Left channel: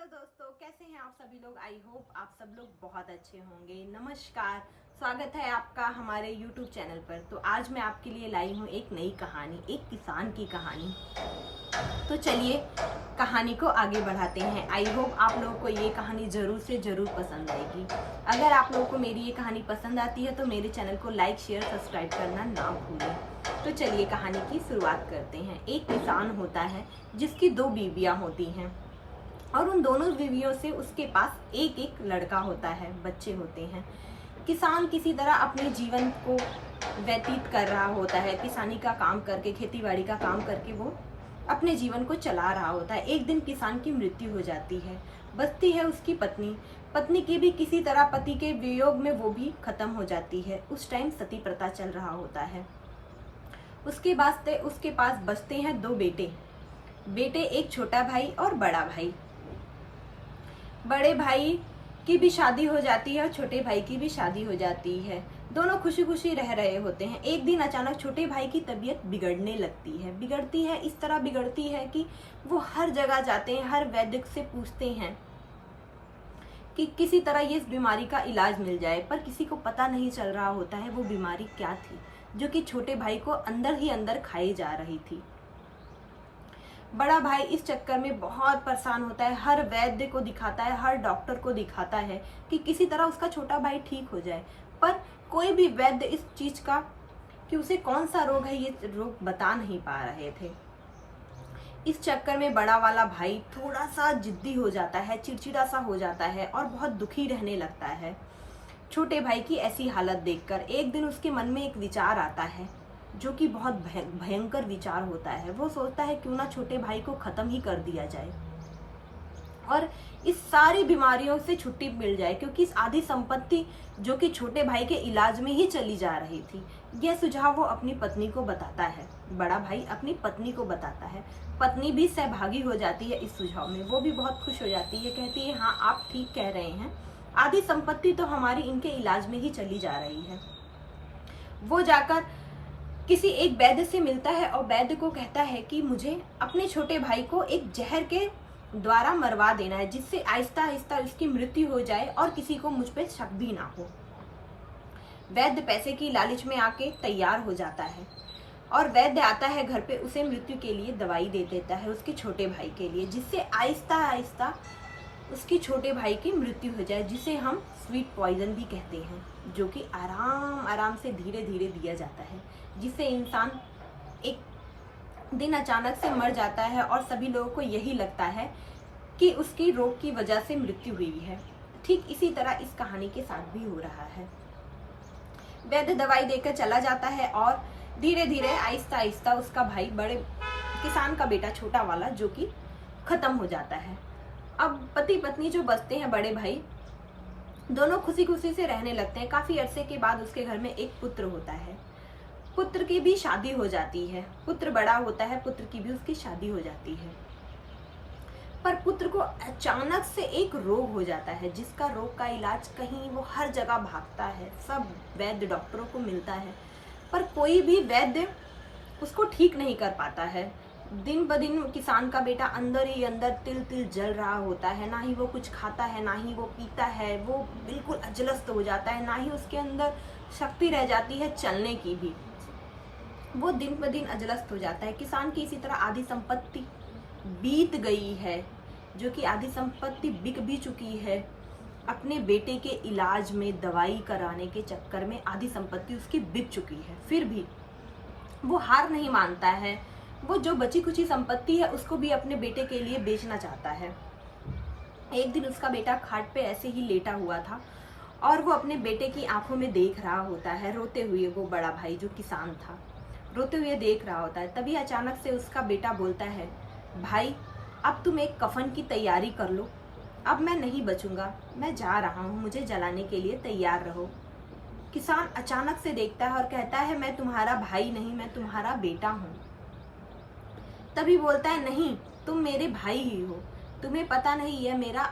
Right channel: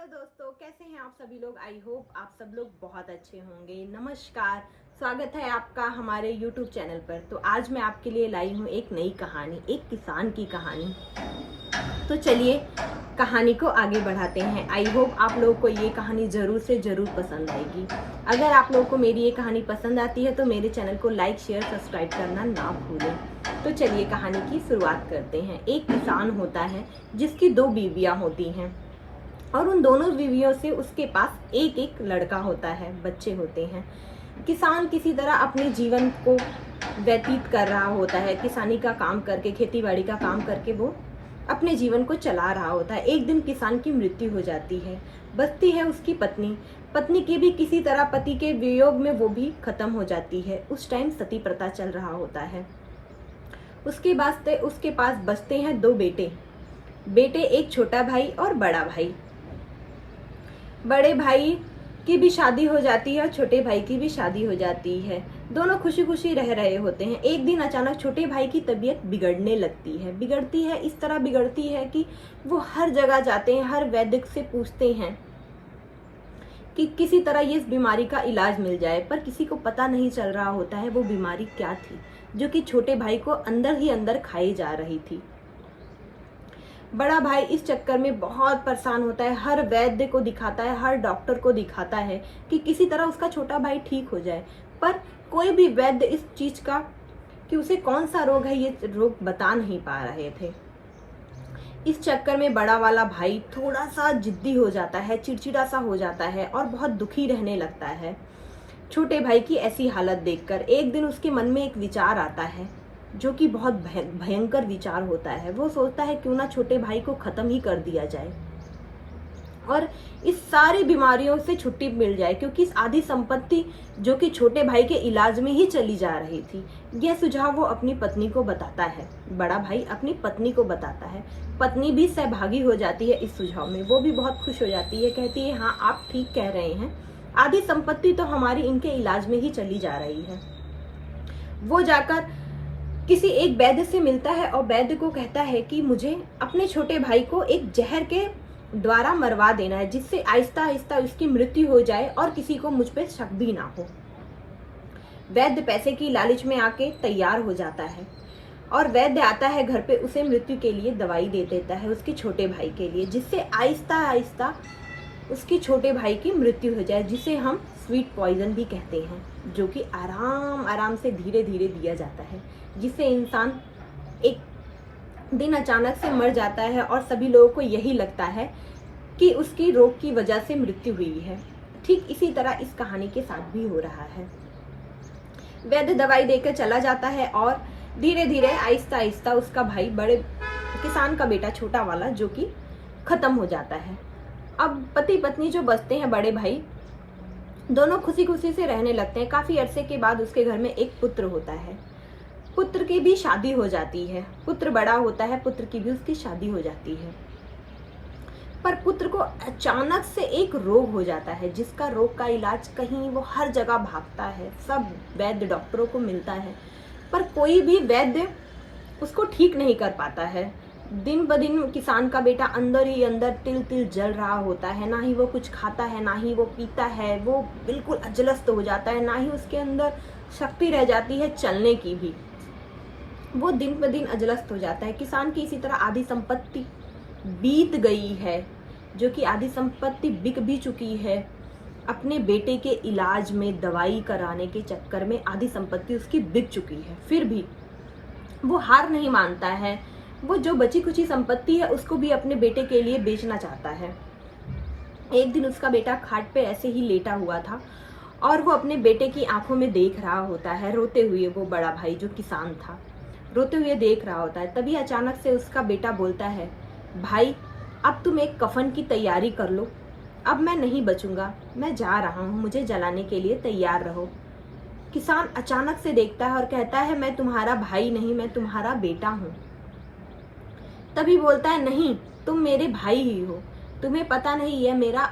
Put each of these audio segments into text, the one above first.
Hello दोस्तों, कैसे हैं आप सभी लोग। आई होप आप सब लोग बहुत अच्छे होंगे। नमस्कार, स्वागत है आपका हमारे YouTube चैनल पर। तो आज मैं आपके लिए लाई हूँ एक नई कहानी, एक किसान की कहानी। तो चलिए कहानी को आगे बढ़ाते हैं। आई होप आप लोगों को ये कहानी जरूर से जरूर पसंद आएगी। अगर आप लोगों को मेरी ये कहानी पसंद आती है तो मेरे चैनल को लाइक शेयर सब्सक्राइब करना ना भूलें। तो चलिए कहानी की शुरुआत करते हैं। एक किसान होता है जिसकी 2 बीवियां होती हैं और उन दोनों बीवियों से उसके पास एक एक लड़का होता है, बच्चे होते हैं। किसान किसी तरह अपने जीवन को व्यतीत कर रहा होता है, किसानी का काम करके, खेती बाड़ी का काम करके वो अपने जीवन को चला रहा होता है। एक दिन किसान की मृत्यु हो जाती है। बचती है उसकी पत्नी। पत्नी की भी किसी तरह पति के वियोग में वो भी खत्म हो जाती है। उस टाइम सती प्रथा चल रहा होता है। उसके पास बचते हैं 2 बेटे, एक छोटा भाई और बड़ा भाई। बड़े भाई की भी शादी हो जाती है और छोटे भाई की भी शादी हो जाती है। दोनों खुशी खुशी रह रहे होते हैं। एक दिन अचानक छोटे भाई की तबीयत बिगड़ने लगती है। बिगड़ती है, इस तरह बिगड़ती है कि वो हर जगह जाते हैं, हर वैद्य से पूछते हैं कि किसी तरह ये इस बीमारी का इलाज मिल जाए, पर किसी को पता नहीं चल रहा होता है वो बीमारी क्या थी, जो कि छोटे भाई को अंदर ही अंदर खाई जा रही थी। बड़ा भाई इस चक्कर में बहुत परेशान होता है। हर वैद्य को दिखाता है, हर डॉक्टर को दिखाता है कि किसी तरह उसका छोटा भाई ठीक हो जाए, पर कोई भी वैद्य इस चीज का कि उसे कौन सा रोग है ये रोग बता नहीं पा रहे थे। इस चक्कर में बड़ा वाला भाई थोड़ा सा जिद्दी हो जाता है, चिड़चिड़ा सा हो जाता है और बहुत दुखी रहने लगता है। छोटे भाई की ऐसी हालत देखकर एक दिन उसके मन में एक विचार आता है, जो कि बहुत भयंकर विचार होता है। वो सोचता है क्यों ना छोटे भाई को खत्म ही कर दिया जाए और इस सारी बीमारियों से छुट्टी मिल जाए, क्योंकि इस आधी संपत्ति जो कि छोटे भाई के इलाज में ही चली जा रही थी। यह सुझाव वो अपनी पत्नी को बताता है। बड़ा भाई अपनी पत्नी को बताता है। पत्नी भी सहभागी हो जाती है इस सुझाव में। वो भी बहुत खुश हो जाती है, कहती है हाँ आप ठीक कह रहे हैं, आधी संपत्ति तो हमारी इनके इलाज में ही चली जा रही है। वो जाकर किसी एक वैद्य से मिलता है और वैद्य को कहता है कि मुझे अपने छोटे भाई को एक जहर के द्वारा मरवा देना है, जिससे आहिस्ता आहिस्ता उसकी मृत्यु हो जाए और किसी को मुझ पे शक भी ना हो। वैद्य पैसे की लालच में आके तैयार हो जाता है और वैद्य आता है घर पे, उसे मृत्यु के लिए दवाई दे देता है उसके छोटे भाई के लिए, जिससे आहिस्ता आहिस्ता उसकी छोटे भाई की मृत्यु हो जाए, जिसे हम स्वीट पॉइजन भी कहते हैं, जो कि आराम आराम से धीरे धीरे दिया जाता है, जिससे इंसान एक दिन अचानक से मर जाता है और सभी लोगों को यही लगता है कि उसकी रोग की वजह से मृत्यु हुई है। ठीक इसी तरह इस कहानी के साथ भी हो रहा है। वैद्य दवाई देकर चला जाता है और धीरे धीरे आहिस्ता आहिस्ता उसका भाई, बड़े किसान का बेटा छोटा वाला, जो कि खत्म हो जाता है। अब पति पत्नी जो बचते हैं, बड़े भाई, दोनों खुशी खुशी से रहने लगते हैं। काफी अरसे के बाद उसके घर में एक पुत्र होता है। पुत्र की भी शादी हो जाती है। पुत्र बड़ा होता है, पुत्र की भी उसकी शादी हो जाती है। पर पुत्र को अचानक से एक रोग हो जाता है, जिसका रोग का इलाज कहीं वो हर जगह भागता है, सब वैद्य डॉक्टरों को मिलता है, पर कोई भी वैद्य उसको ठीक नहीं कर पाता है। दिन ब दिन किसान का बेटा अंदर ही अंदर तिल तिल जल रहा होता है। ना ही वो कुछ खाता है, ना ही वो पीता है, वो बिल्कुल अजलस्त हो जाता है, ना ही उसके अंदर शक्ति रह जाती है चलने की भी। वो दिन ब दिन अजलस्त हो जाता है। किसान की इसी तरह आधी संपत्ति बीत गई है, जो कि आधी संपत्ति बिक भी चुकी है। अपने बेटे के इलाज में दवाई कराने के चक्कर में आधी संपत्ति उसकी बिक चुकी है। फिर भी वो हार नहीं मानता है। वो जो बची कुची संपत्ति है उसको भी अपने बेटे के लिए बेचना चाहता है। एक दिन उसका बेटा खाट पे ऐसे ही लेटा हुआ था और वो अपने बेटे की आंखों में देख रहा होता है, रोते हुए। वो बड़ा भाई जो किसान था, रोते हुए देख रहा होता है। तभी अचानक से उसका बेटा बोलता है, भाई अब तुम एक कफन की तैयारी कर लो, अब मैं नहीं बचूंगा, मैं जा रहा हूँ, मुझे जलाने के लिए तैयार रहो। किसान अचानक से देखता है और कहता है, मैं तुम्हारा भाई नहीं, मैं तुम्हारा बेटा हूँ। तभी बोलता है, नहीं, तुम मेरे भाई ही हो, तुम्हें पता नहीं यह मेरा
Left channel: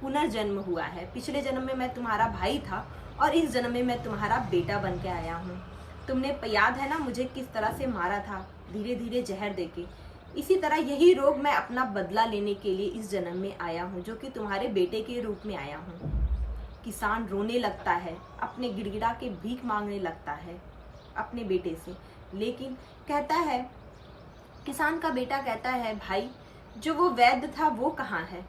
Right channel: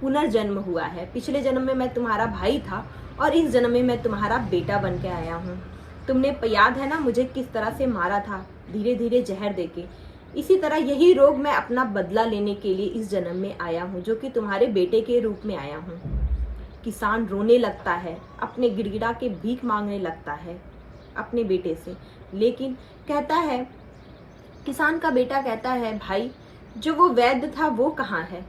पुनर्जन्म हुआ है। पिछले जन्म में मैं तुम्हारा भाई था और इस जन्म में मैं तुम्हारा बेटा बन के आया हूँ। तुमने याद है ना मुझे किस तरह से मारा था, धीरे धीरे जहर देके। इसी तरह यही रोग मैं अपना बदला लेने के लिए इस जन्म में आया हूँ, जो कि तुम्हारे बेटे के रूप में आया हूँ। किसान रोने लगता है, अपने गिड़गिड़ा के भीख मांगने लगता है अपने बेटे से, लेकिन कहता है, किसान का बेटा कहता है, भाई जो वो वैद्य था वो कहाँ है?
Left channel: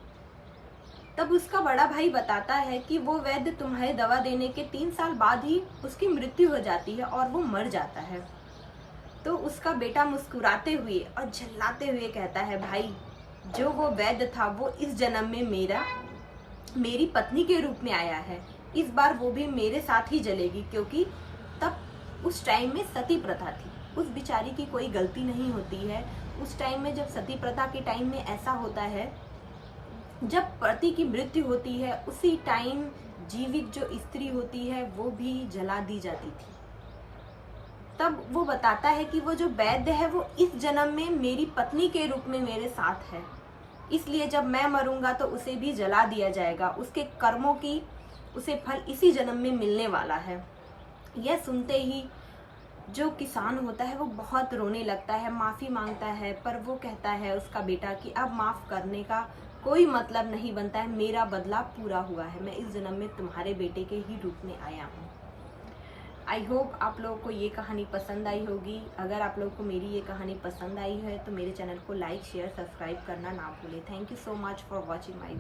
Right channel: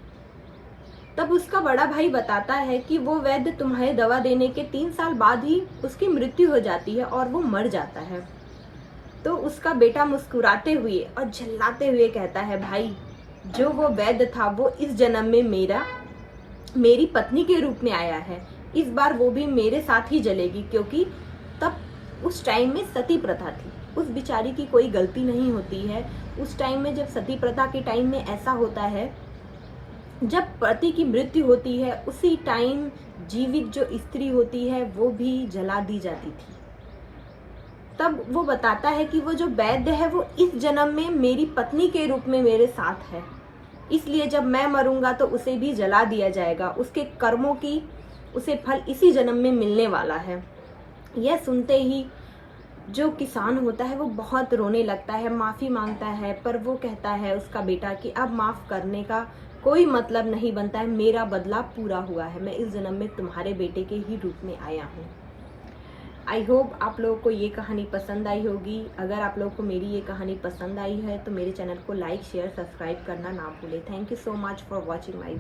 तब उसका बड़ा भाई बताता है कि वो वैद्य तुम्हारे दवा देने के 3 साल बाद ही उसकी मृत्यु हो जाती है और वो मर जाता है। तो उसका बेटा मुस्कुराते हुए और झल्लाते हुए कहता है, भाई जो वो वैद्य था वो इस जन्म में मेरी पत्नी के रूप में आया है। इस बार वो भी मेरे साथ ही जलेगी, क्योंकि तब उस टाइम में सती प्रथा थी। उस बिचारी की कोई गलती नहीं होती है। उस टाइम में जब सती प्रथा के टाइम में ऐसा होता है, जब पति की मृत्यु होती है उसी टाइम जीवित जो स्त्री होती है वो भी जला दी जाती थी। तब वो बताता है कि वो जो वैद्य है वो इस जन्म में मेरी पत्नी के रूप में मेरे साथ है, इसलिए जब मैं मरूंगा तो उसे भी जला दिया जाएगा। उसके कर्मों की उसे फल इसी जन्म में मिलने वाला है। यह सुनते ही जो किसान होता है वो बहुत रोने लगता है, माफ़ी मांगता है, पर वो कहता है उसका बेटा कि अब माफ़ करने का कोई मतलब नहीं बनता है, मेरा बदला पूरा हुआ है, मैं इस जन्म में तुम्हारे बेटे के ही रूप में आया हूँ। आई होप आप लोगों को ये कहानी पसंद आई होगी। अगर आप लोगों को मेरी ये कहानी पसंद आई है तो मेरे चैनल को लाइक शेयर सब्सक्राइब करना ना भूलें। Thank you so much for watching my